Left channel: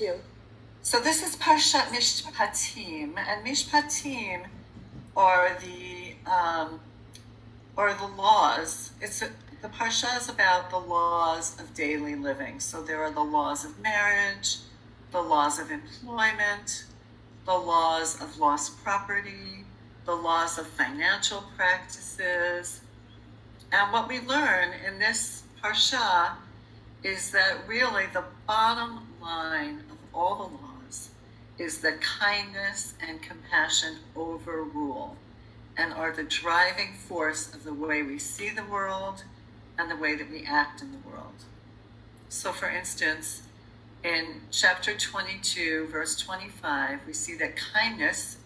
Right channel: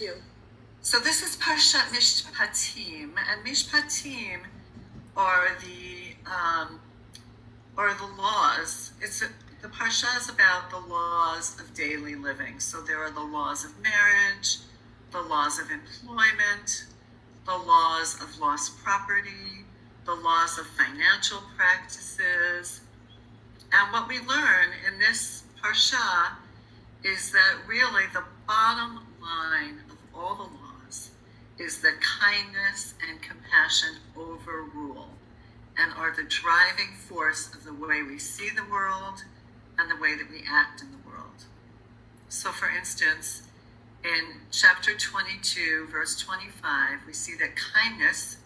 you. So this is parashat mishpatim, and mishpatim are the laws. The parsha is about the laws of daily living. So there are the laws of marriage, the laws of employment, the laws of lost property, the laws of financial practices. And what we learn in this parsha is that really the bottom line of all the laws is that kindness and compassion overrule and are the driving force of the way we see the world and the way that we act in the world. So for instance, in chapter 22, verse 25, we see that kindness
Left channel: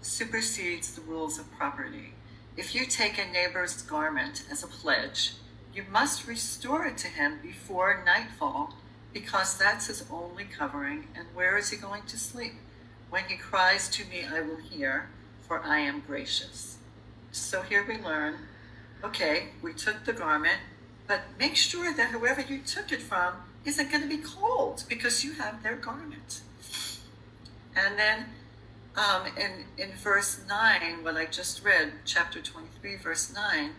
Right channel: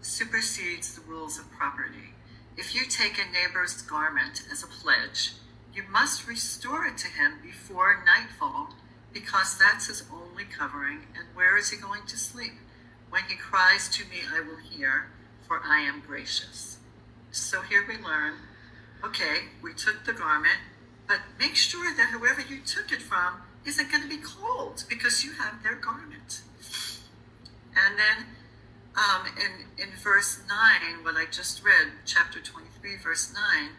supersedes the rules of property. If you take a neighbor's garment as a pledge, you must restore it to him before nightfall, because that's his only covering. And where is he going to sleep? When he cries to me, I will hear, for I am gracious. So here we learn, okay, we took the garment, but make sure that whoever you took it from isn't going to be cold, because you have their garment. And then in verse 9, what I just read, chapter 23, verse 9,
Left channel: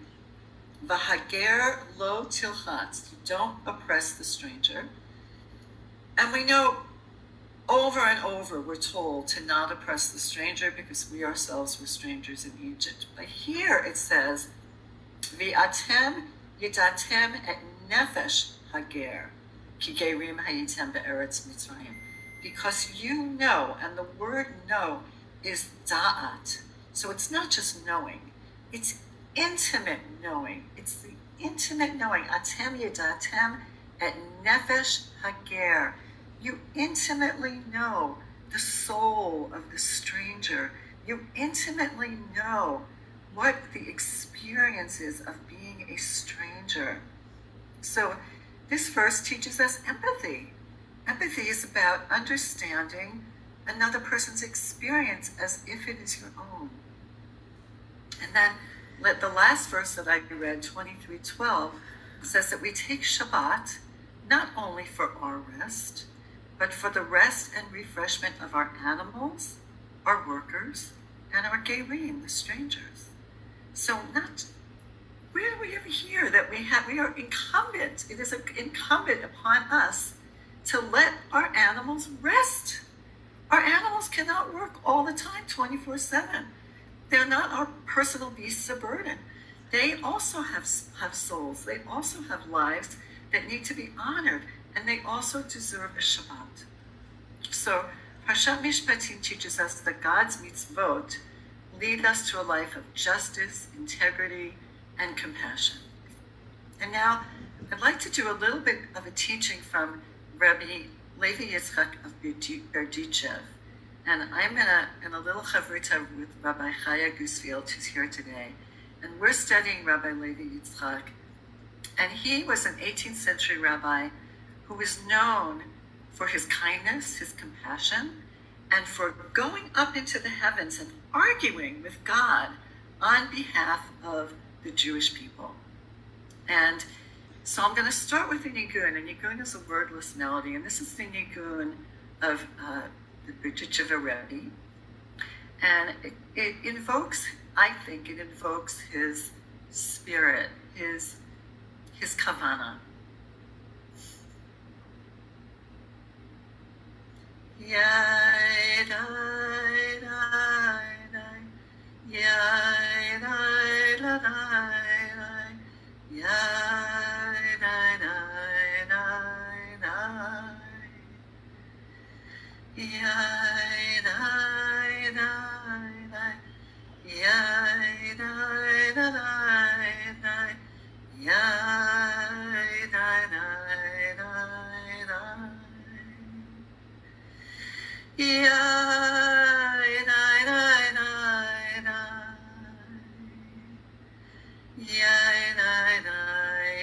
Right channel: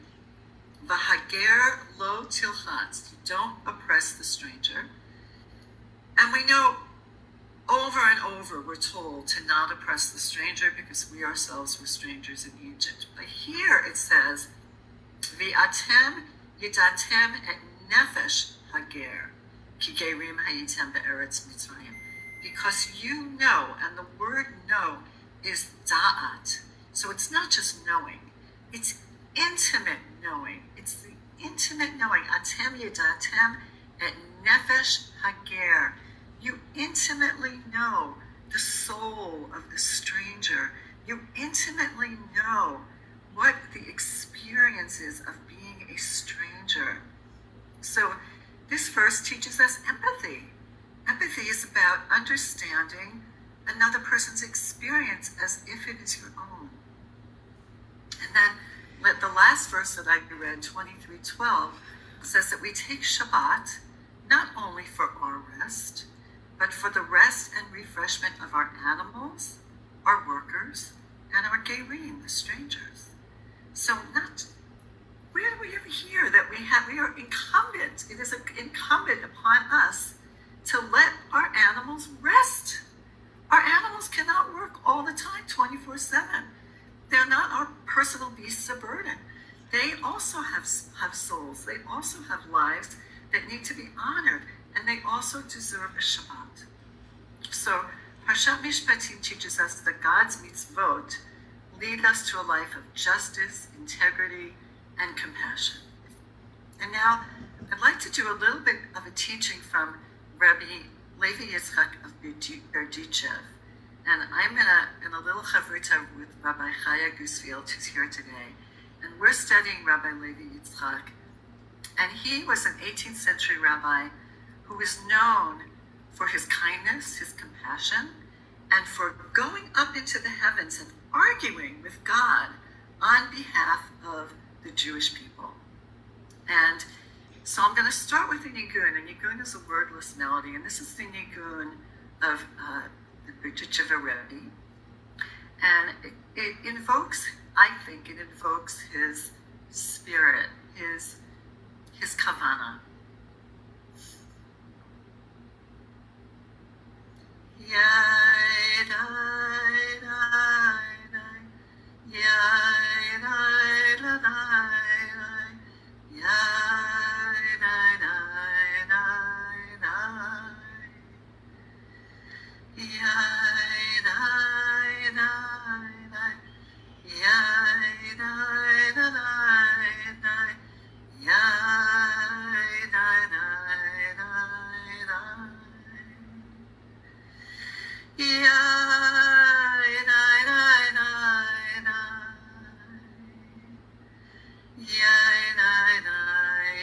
V'hager lo tilchatz, don't oppress the stranger. And we know over and over we're told to not oppress the stranger because we ourselves were strangers in Egypt. But here it says, V'atem yidatem et nefesh hager, ki gerim hayitem be'eretz Mitzrayim. Because you know, and the word know is da'at. So it's not just knowing, it's intimate knowing. It's the intimate knowing. Atem yidatem et nefesh hager. You intimately know the soul of the stranger. You intimately know what the experience is of being a stranger. So this verse teaches us empathy. Empathy is about understanding another person's experience as if it is your own. And then the last verse that I read, 23:12, says that we take Shabbat not only for our rest, but for the rest and refreshment of our animals, our workers, and our gerim, the strangers. So where do we ever hear that we are incumbent? It is incumbent upon us to let our animals rest. Our animals cannot work all the time, 24/7. They're not our personal beasts of burden. They also have souls. They also have lives that need to be honored, and they also deserve a Shabbat. So Parashat Mishpatim teaches us that God's mitzvot lead us to a life of justice, integrity, and compassion. And now I'd like to do a little bit of a teaching from Rabbi Levi Yitzchak of Berdichev. And I'm in a little chavruta with Rabbi Chaya Gusfield, who's here today. And we're studying Rabbi Levi Yitzchak. And he was an 18th century rabbi who was known for his kindness, his compassion, and for going up into the heavens and arguing with God on behalf of the Jewish people. And so I'm going to start with the nigun. And nigun is a wordless melody. And this is the nigun of the Berdichev Rebbe. And it invokes, I think, it invokes his spirit, his kavana. Yai dai dai dai, yai dai la dai dai, yai dai dai dai dai, yai dai dai dai, yai dai dai dai, yai dai dai dai dai. Yai dai dai dai dai, yai dai dai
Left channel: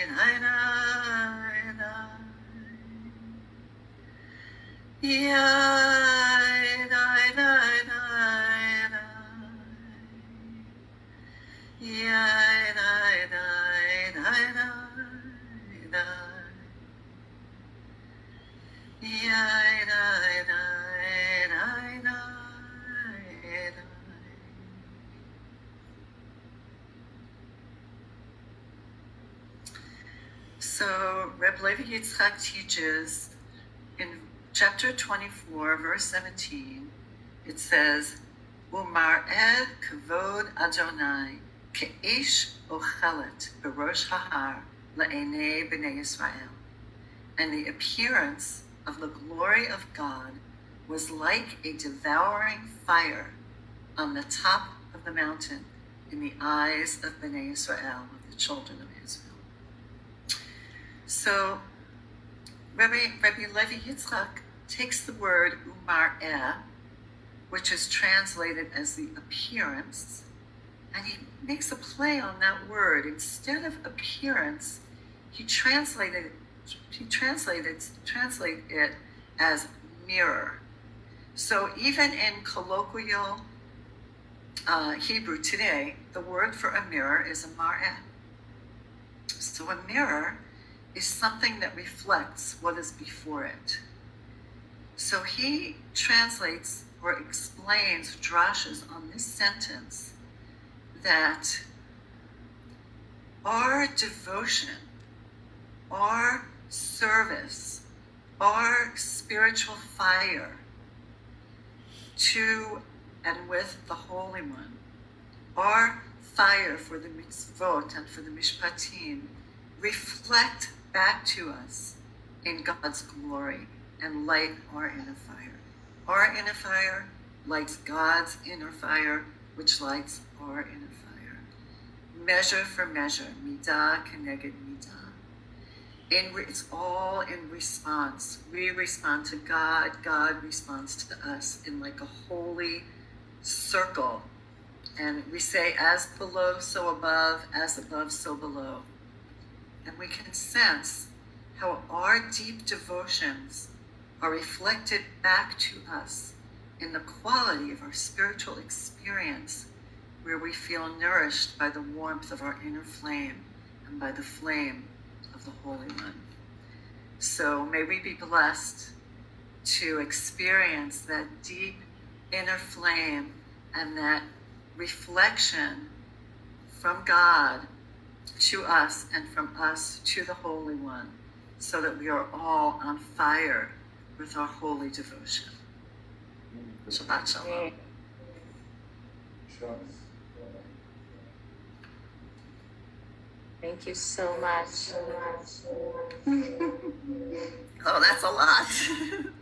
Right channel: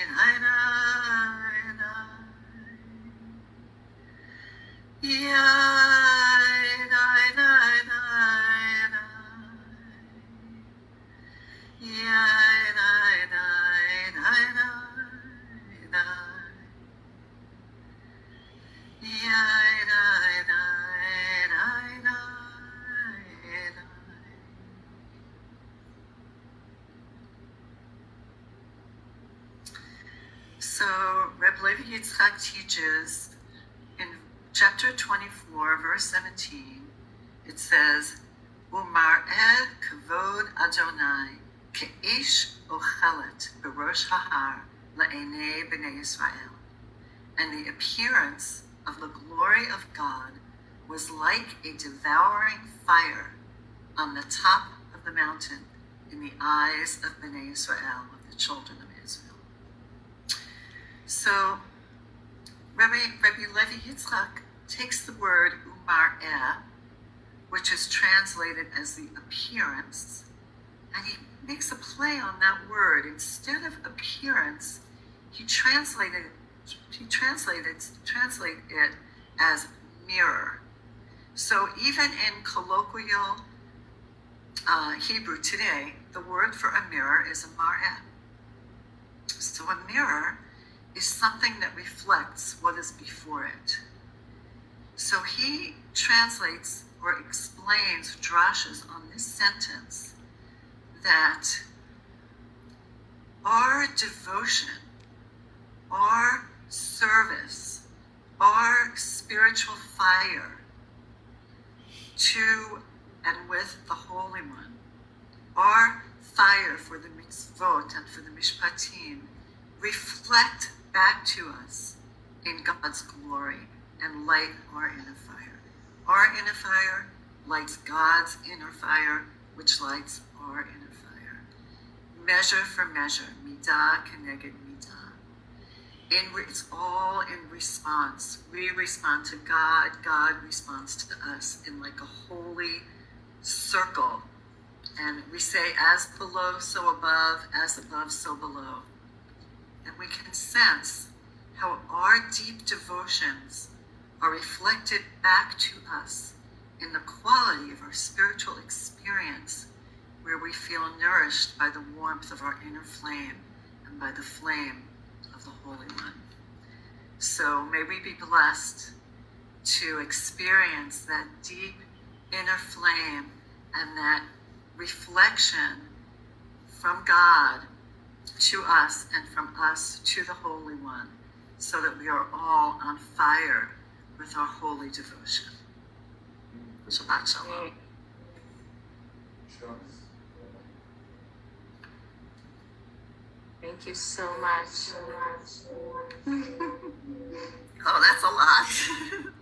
dai dai dai, yai dai dai dai dai, yai dai dai dai dai dai, yai dai So Reb Levi Yitzchak teaches in chapter 24, verse 17, it says, Umar'ed kavod Adonai ke'ish ochelet berosh hahar la'enei b'nei Yisrael. And the appearance of the glory of God was like a devouring fire on the top of the mountain in the eyes of Bnei Israel, of the children of Israel. So Rabbi Levi Yitzchak takes the word umar'eh, which is translated as the appearance, and he makes a play on that word. Instead of appearance, he translated it as mirror. So even in colloquial Hebrew today, the word for a mirror is a mar'eh. So a mirror is something that reflects what is before it. So he translates or explains drashes on this sentence that our devotion, our service, our spiritual fire to and with the Holy One, our fire for the mitzvot and for the mishpatim, reflect back to us in God's glory and light our inner fire. Our inner fire lights God's inner fire, which lights our inner fire. Measure for measure, midah keneged midah. It's all in response. We respond to God, God responds to us in like a holy circle. And we say, as below, so above, as above, so below. And we can sense how our deep devotions are reflected back to us in the quality of our spiritual experience, where we feel nourished by the warmth of our inner flame and by the flame of the Holy One. So may we be blessed to experience that deep inner flame and that reflection from God to us and from us to the Holy One, so that we are all on fire with our holy devotion. Shabbat Shalom. Thank you so much. Oh, that's a lot.